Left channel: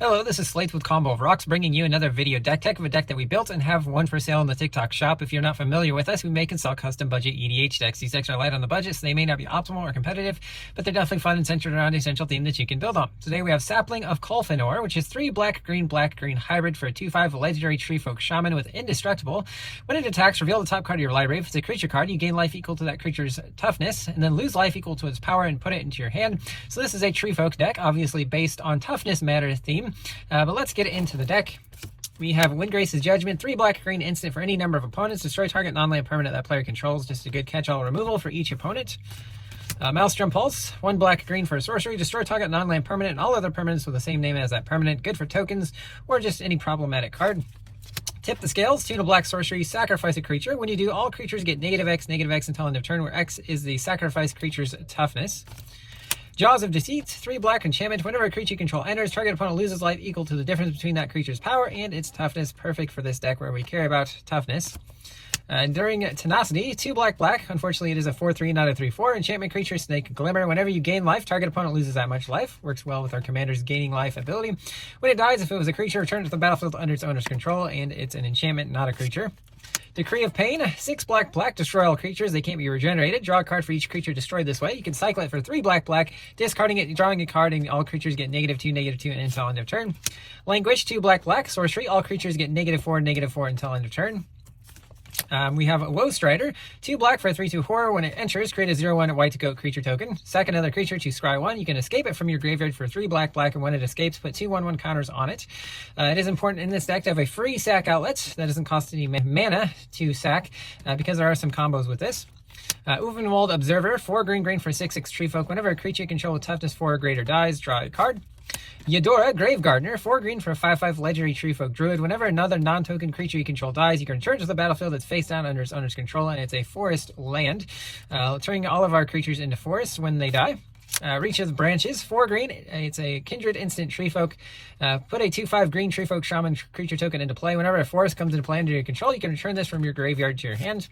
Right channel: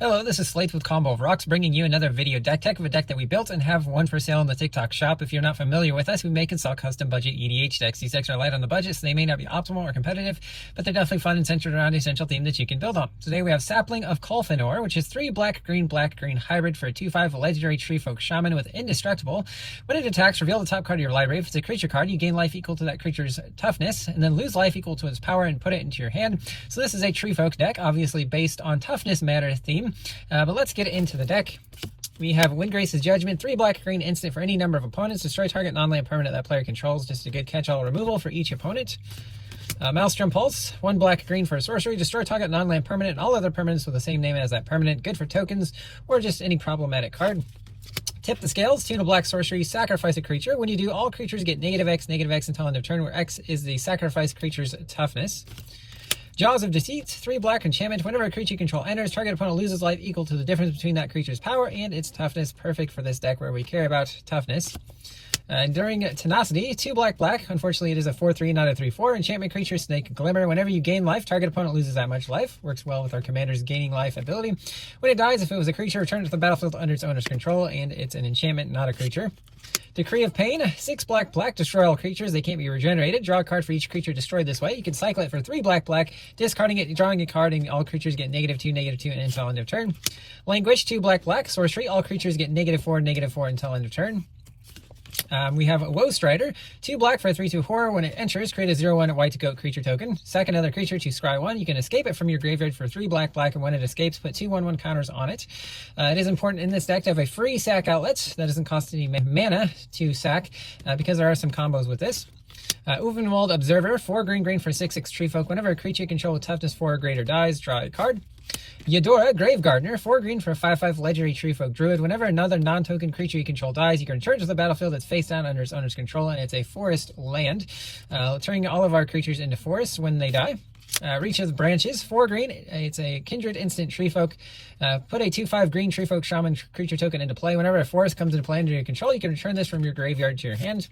Hello, this is Slate with Combo of Rocks, bringing you another video deck tech of a deck that we built and have one for sale in the TikTok shop. If you're not familiar with us, we make and sell custom budget EDH decks. These decks are light on the budget, so they may not be optimal or competitive, but they're definitely fun and centered around a central theme that you can build on. Today we have Sapling of Colfenor, which is 3 black-green hybrid for a 2/5 legendary Treefolk Shaman with Indestructible. When it attacks, reveal the top card of your library. If it's a creature card, you gain life equal to that creature's toughness, and then lose life equal to its power and put it into your hand. So this is a Treefolk deck, obviously based on Toughness matter theme, but let's get into the deck. We have Windgrace's Judgment, 3 black-green instant for any number of opponents. Destroy target non-land permanent that player controls. Just a good catch-all removal for each opponent. Maelstrom Pulse, 1 black-green for a sorcery. Destroy target non-land permanent and all other permanents with the same name as that permanent. Good for tokens or just any problematic card. Tip the scales, tune a black sorcery, sacrifice a creature. When you do, all creatures get -X until end of turn, where X is the sacrifice creature's toughness. Jaws of Deceit, 3 black enchantment. Whenever a creature you control enters, target opponent loses life equal to the difference between that creature's power and its toughness. Perfect for this deck where we care about toughness. Enduring Tenacity, 2 black. Unfortunately, it is a 4/3, not a 3/4. Enchantment creature, Snake Glimmer. Whenever you gain life, target opponent loses that much life. Works well with our commander's gaining life ability. When it dies, if it was a creature, return it to the battlefield under its owner's control, and it's an enchantment, not a creature. Decree of Pain, 6 black. Destroy all creatures. They can't be regenerated. Draw a card for each creature destroyed this way. You can cycle it for 3 black, discarding it, drawing a card, and all creatures get -2 until end of turn. Languish, 2 black. Sorcery, all creatures get -4 until end of turn. We have Woe Strider, 2 black for a 3/2 horror. When it enters, create a 0/1 white goat creature token. Sack another creature to scry 1. You can escape it from your graveyard for 3 black, and when it escapes, put 2/1/1 counters on it. It is important in this deck to have a free sack outlet. That doesn't cost any mana to sack, because there are some combos with this. Uvenwald Observer, 4 green for 6/6 Treefolk. Whenever a creature you control with toughness 4 or greater dies, draw a card. Eudora, Grave Gardener, 4 green for a 5/5 legendary Treefolk Druid. Whenever another non-token creature you control dies, you can return to the battlefield that's face down under its owner's control, and it's a forest land, turning all of our creatures into forests when they die. Reach of the Branches, 4 green. It's a kindred instant Treefolk. Put a 2/5 green Treefolk Shaman creature token into play. Whenever a forest comes into play under your control, you can return this from your graveyard to your hand.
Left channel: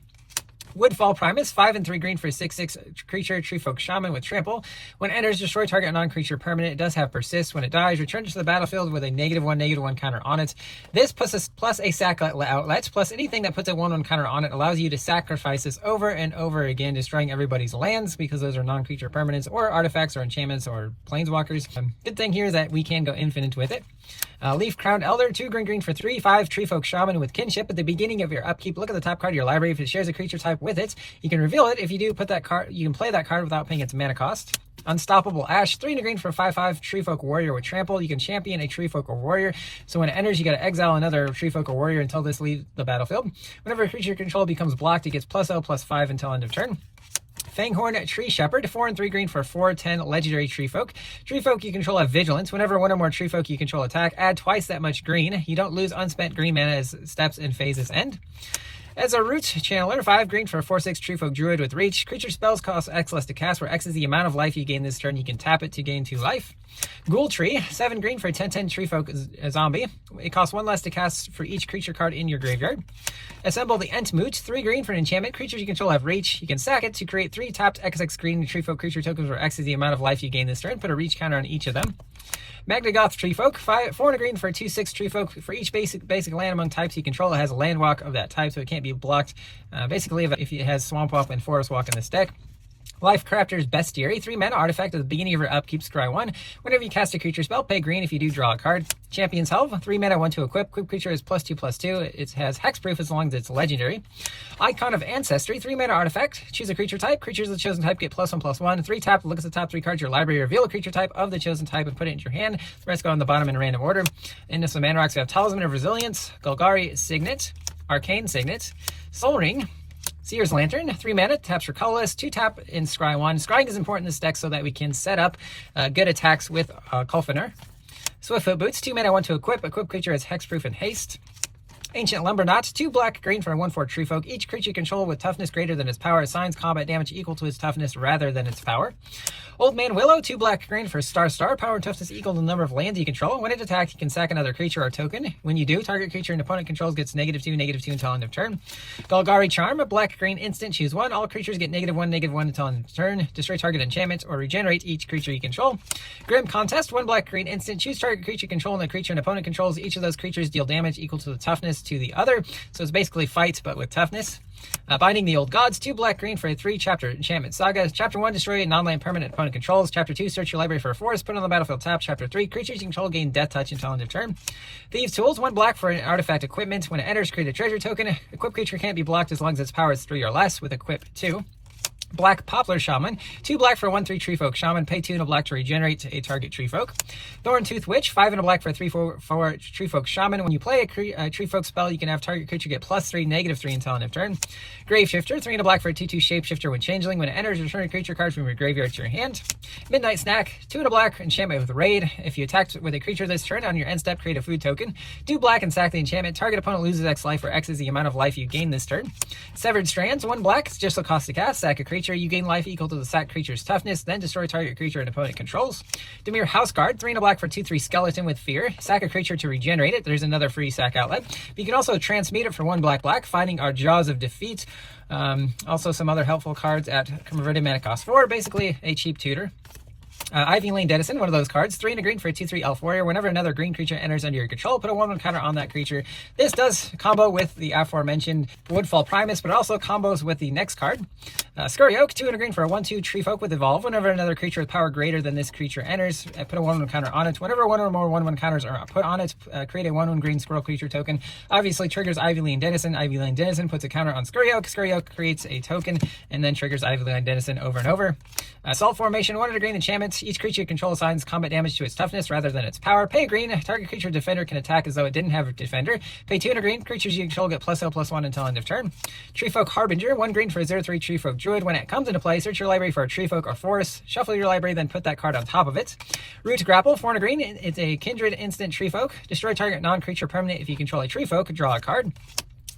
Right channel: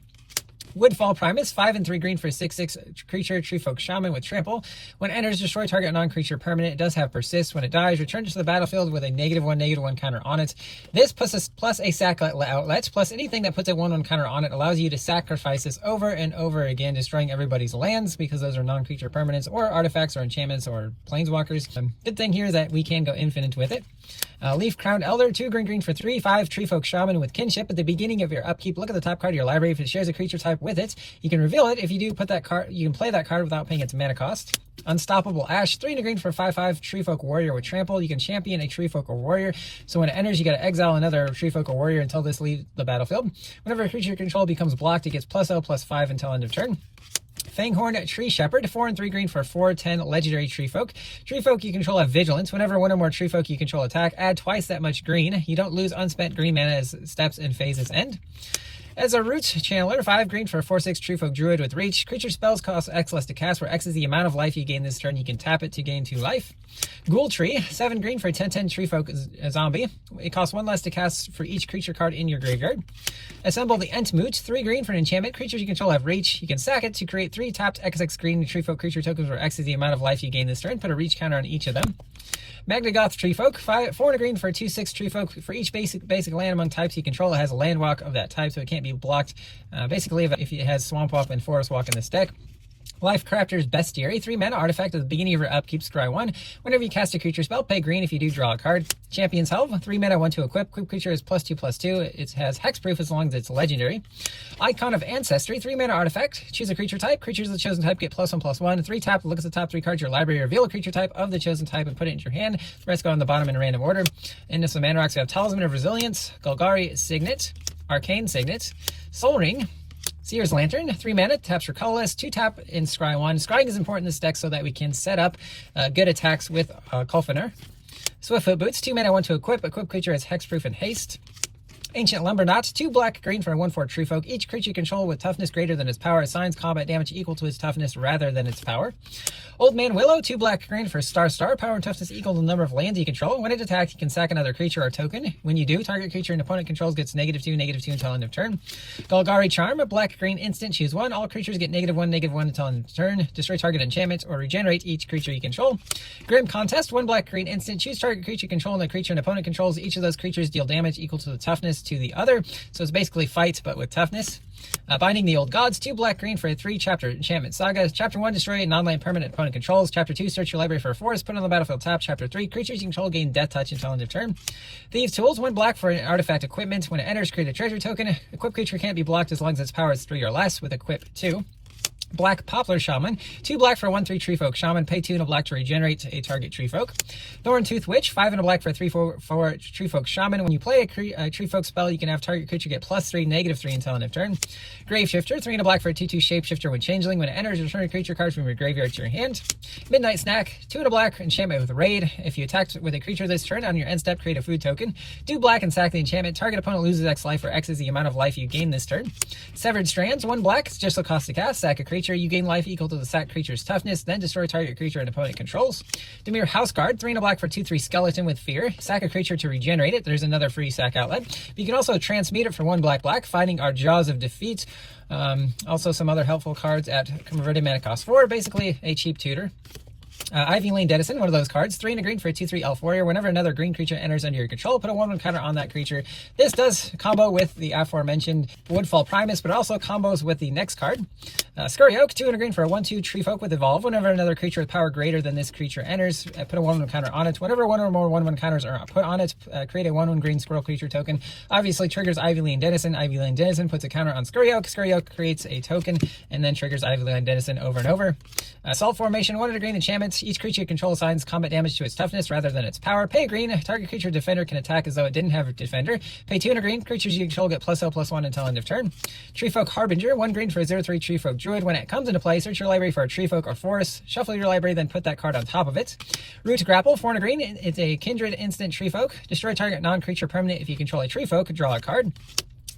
Woodfall Primus, 5 and 3 green for a 6/6 creature, Treefolk Shaman with trample. When it enters, destroy target non-creature permanent. It does have persist. When it dies, return it to the battlefield with a -1/-1 counter on it. This plus a sack outlet, plus anything that puts a 1/1 counter on it allows you to sacrifice this over and over again, destroying everybody's lands because those are non-creature permanents or artifacts or enchantments or planeswalkers. Good thing here is that we can go infinite with it. Leaf Crowned Elder, 2 green for 3/5 Treefolk Shaman with kinship. At the beginning of your upkeep, look at the top card of your library. If it shares a creature type with it, you can reveal it. If you do, put that card. You can play that card without paying its mana cost. Unstoppable Ash, 3 green for 5/5 Treefolk Warrior with trample. You can champion a Treefolk or Warrior. So when it enters, you got to exile another Treefolk or Warrior until this leaves the battlefield. Whenever a creature you control becomes blocked, it gets +0/+5 until end of turn. Fanghorn Tree Shepherd, 4 and 3 green for 4/10 legendary Treefolk. Treefolk you control have Vigilance. Whenever one or more Treefolk you control attack, add twice that much green. You don't lose unspent green mana as steps and phases end. As a Root Channeler, 5 green for a 4/6 Treefolk Druid with Reach. Creature spells cost X less to cast, where X is the amount of life you gain this turn. You can tap it to gain 2 life. Ghoul Tree, 7 green for a 10/10 Treefolk Zombie. It costs 1 less to cast for each creature card in your graveyard. Assemble the Entmoot, 3 green for an enchantment. Creatures you control have Reach. You can sack it to create 3 tapped XX green Treefolk creature tokens, where X is the amount of life you gain this turn. Put a Reach counter on each of them. Magdagoth Treefolk, 4 and a green for a 2/6 Treefolk. For each basic land among types you control, it has a land walk of that type, so it can't be blocked. Basically, if it has Swamp Walk and Forest Walk in this deck. Life Crafter's Bestiary, 3 mana artifact at the beginning of your upkeep, scry 1. Whenever you cast a creature spell, pay green. If you do, draw a card. Champion's Helve, 3 mana, 1 to equip. Equip creature is +2/+2. It has hexproof as long as it's legendary. Icon of Ancestry, 3 mana artifact. Choose a creature type. Creatures of the chosen type get +1/+1. 3 tap, look at the top 3 cards of your library, reveal a creature type of the chosen type and put it into your hand. The rest go on the bottom in a random order. In this mana rocks, we have Talisman of Resilience, Golgari Signet, Arcane Signet, Soul Ring, Seer's Lantern, 3 mana, taps for colorless, 2 tap in scry 1. Scrying is important in this deck so that we can set up good attacks with Colfenor. Swiftfoot Boots, 2 mana, 1 to equip. Equip creature has hexproof and haste. Ancient Lumberknot, 2 black green for a 1/4 Treefolk. Each creature you control with toughness greater than its power assigns combat damage equal to its toughness rather than its power. Old Man Willow, 2 black green for Star, power and toughness equal to the number of lands you control. When it attacks, you can sack another creature or token. When you do, target creature an opponent controls gets -2/-2 until end of turn. Golgari Charm, a black green instant, choose 1. All creatures get -1/-1 until end of turn. Destroy target enchantment or regenerate each creature you control. Grim Contest, 1 black green instant, choose target creature you control and the creature an opponent controls. Each of those creatures deal damage equal to the toughness to the other. So it's basically fight, but with toughness. Binding the Old Gods, 2 black green for a 3-chapter enchantment saga. Chapter 1, destroy a non-land permanent opponent controls. Chapter 2, search your library for a forest, put on the battlefield tap. Chapter 3, creatures you control gain Death Touch until end of turn. Thieves' Tools, 1 black for an artifact equipment. When it enters, create a treasure token. Equip creature can't be blocked as long as its power is 3 or less with equip 2. Black Poplar Shaman, 2 black for a 1/3 Treefolk Shaman, pay 2 and a black to regenerate a target Treefolk. Thorntooth Witch, 5 and a black for a 3/4 Treefolk Shaman. When you play a Treefolk spell, you can have target creature get +3, -3 until end of turn. Graveshifter, 3 and a black for a 2/2 Shapeshifter. When changeling, when it enters, return a creature card from your graveyard to your hand. Midnight Snack, 2 and a black, enchantment with Raid. If you attacked with a creature this turn, on your end step, create a food token. Do black and sack the enchantment. Target opponent loses X life, where X is the amount of life you gain this turn. Severed Strands, 1 black, it's just the cost to cast. Sack a creature, you gain life equal to the sack creature's toughness, then destroy target creature an opponent controls. Demir Houseguard, 3 and a black for 2/3 Skeleton with Fear. Sack a creature to regenerate it. There's another free sack outlet. But you can also transmute it for 1 black, finding our Jaws of Defeat. Also some other helpful cards at converted mana cost 4, basically a cheap tutor. Ivy Lane Denizen, 1 of those cards, 3 and a green for a 2/3 Elf Warrior. Whenever another green creature enters under your control, put a 1/1 counter on that creature. This does combo with the aforementioned Woodfall Primus, but also combos with the next card. Scurry Oak, 2 and a green for a 1/2 Treefolk with Evolve. Whenever another creature with power greater than this creature enters, put a 1/1 counter on it. Whenever 1 or more 1/1 counters are put on it, create a 1/1 green squirrel creature token. Obviously triggers Ivy Lane Denizen. Ivy Lane Denizen puts a counter on Scurry Oak. Scurry Oak creates a token and then triggers Ivy Lane Denizen over and over. Salt Formation, 1 and a green enchantment. Each creature you control assigns combat damage to its toughness rather than its power. Pay green. Target creature defender can attack as though it didn't have a defender. Pay 2 and a green. Creatures you control get +0/+1 until end of turn. Treefolk Harbinger, 1 green for a 0/3 Treefolk Druid. When it comes into play, search your library for a Treefolk or Forest. Shuffle your library, then put that card on top of it. Root Grapple, 4 and a green. It's a Kindred instant Treefolk. Destroy target non-creature permanent if you control a Treefolk. Draw a card.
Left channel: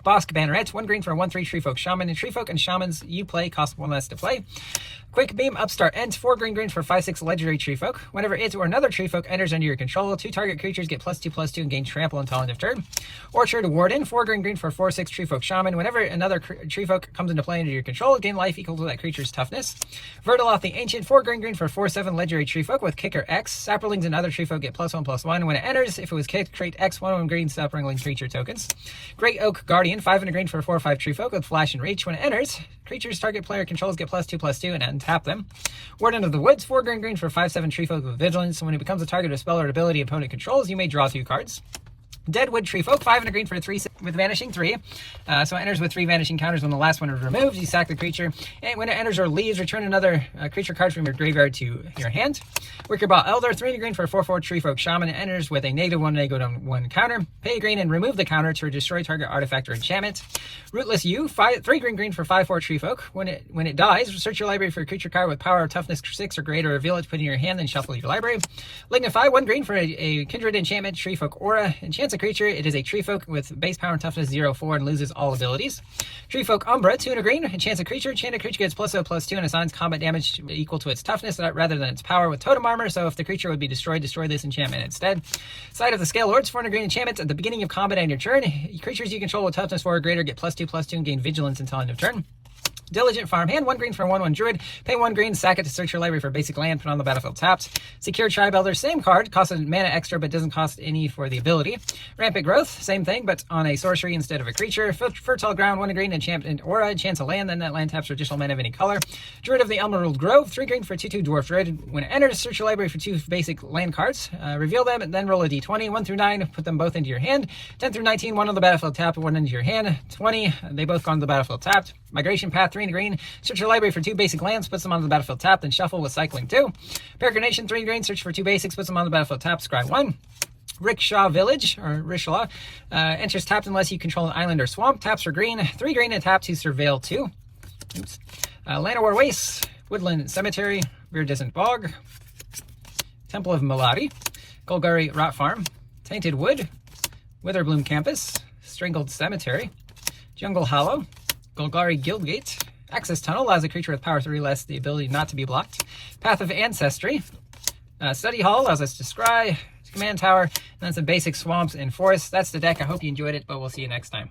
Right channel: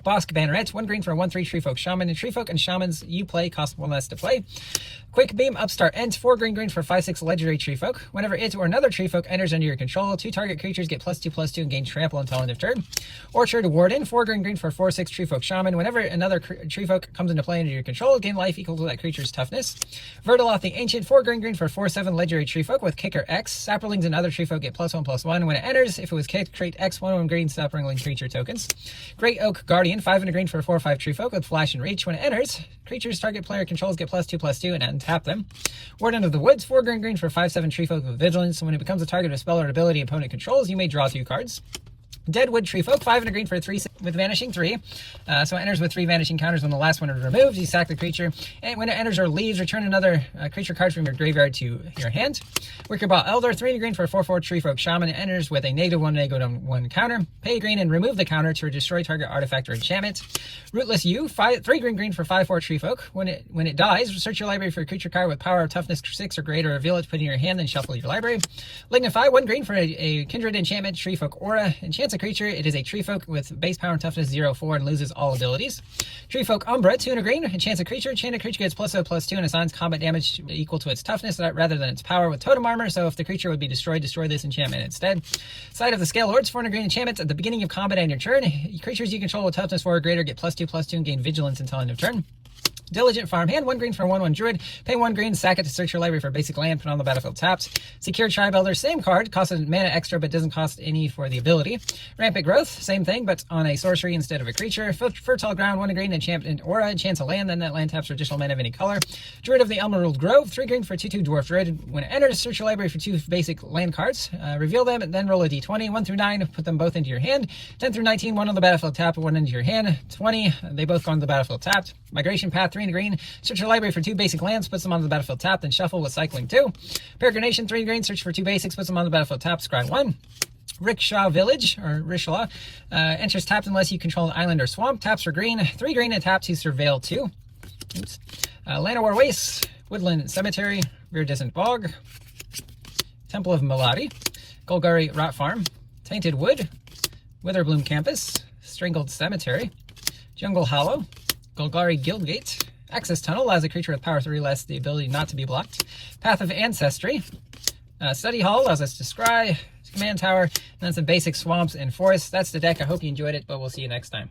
Bosk Banneret, 1 green for a 1/3 Treefolk Shaman. And Treefolk and Shamans you play cost 1 less to play. Quick Beam Upstart Ent, 4 green for 5/6 Legendary Treefolk. Whenever it or another Treefolk enters under your control, 2 target creatures get +2/+2 and gain trample until end of turn. Orchard Warden, 4 green for 4/6 Treefolk Shaman. Whenever another Treefolk comes into play under your control, gain life equal to that creature's toughness. Vertaloth the Ancient, 4 green for 4/7 Legendary Treefolk with Kicker X. Saplings and other Treefolk get +1/+1. When it enters, if it was kicked, create X 1/1 green Sapling creature tokens. Great Oak Guardian, 5 and a green for a 4/5 Treefolk with Flash and Reach. When it enters, creatures target player controls get +2/+2 and untap them. Warden of the Woods, 4 green for 5/7 Treefolk with Vigilance. When it becomes a target of spell or ability opponent controls, you may draw 2 cards. Deadwood Treefolk, 5 and a green for a 3 with Vanishing 3. So it enters with 3 vanishing counters. When the last one is removed, you sack the creature. And when it enters or leaves, return another creature card from your graveyard to your hand. Wickerball Elder, 3 and a green for a 4/4 Treefolk Shaman. It enters with a -1/-1 counter. Pay green and remove the counter to destroy target artifact or enchantment. Rootless You, 3 green for 5/4 Treefolk. When it dies, search your library for a creature card with power or toughness 6 or greater. Reveal it, put it in your hand, then shuffle your library. Lignify, 1 green for a Kindred enchantment Treefolk Aura. Enchants a creature. It is a Treefolk with base power and toughness 0/4 and loses all abilities. Treefolk Umbra, 2 and a green. Enchants a creature. Enchanted creature gets +0/+2 and assigns combat damage equal to its toughness rather than its power with totem armor. So if the creature would be destroyed, destroy this enchantment instead. Side of the Scale Lords, 4 and a green enchantments. At the beginning of combat and your turn, creatures you control with toughness 4 or greater get +2/+2 and gain vigilance until end of turn. Diligent Farmhand, 1 green for a 1/1 Druid. Pay 1 green, sack it to search your library for basic land, put on the battlefield tapped. Secure Tribe Elder, same card, costs a mana extra but doesn't cost any for the ability. Rampant Growth, same thing but on a sorcery instead of a creature. Fertile Ground, 1 green, enchantment Aura, enchants a land, then that land taps for additional mana of any color. Druid of the Emerald Grove, 3 green for a 2/2 Dwarf Druid. When it enters, search your library for 2 basic land cards. Reveal them, and then roll a d20. 1 through 9, put them both into your hand. 10 through 19, 1 on the battlefield tapped, 1 into your hand. 20, they both go on the battlefield tapped. Migration Path, 3 and green. Search your library for 2 basic lands, puts them on the battlefield tapped, then shuffle with Cycling 2. Peregrination, 3 green. Search for 2 basics, puts them on the battlefield tapped, scry 1. Rickshaw Village, or Rishlaw, enters tapped unless you control an island or swamp. Taps for green. 3 green and tap to Surveil 2. Oops. Llanowar Wastes, Woodland Cemetery, Viridescent Bog, Temple of Maladi, Golgari Rot Farm, Tainted Wood, Witherbloom Campus, Strangled Cemetery, Jungle Hollow, Golgari Guildgate, Access Tunnel allows a creature with power 3 less the ability not to be blocked, Path of Ancestry, Study Hall allows us to scry, Command Tower, and then some basic swamps and forests. That's the deck. I hope you enjoyed it, but we'll see you next time.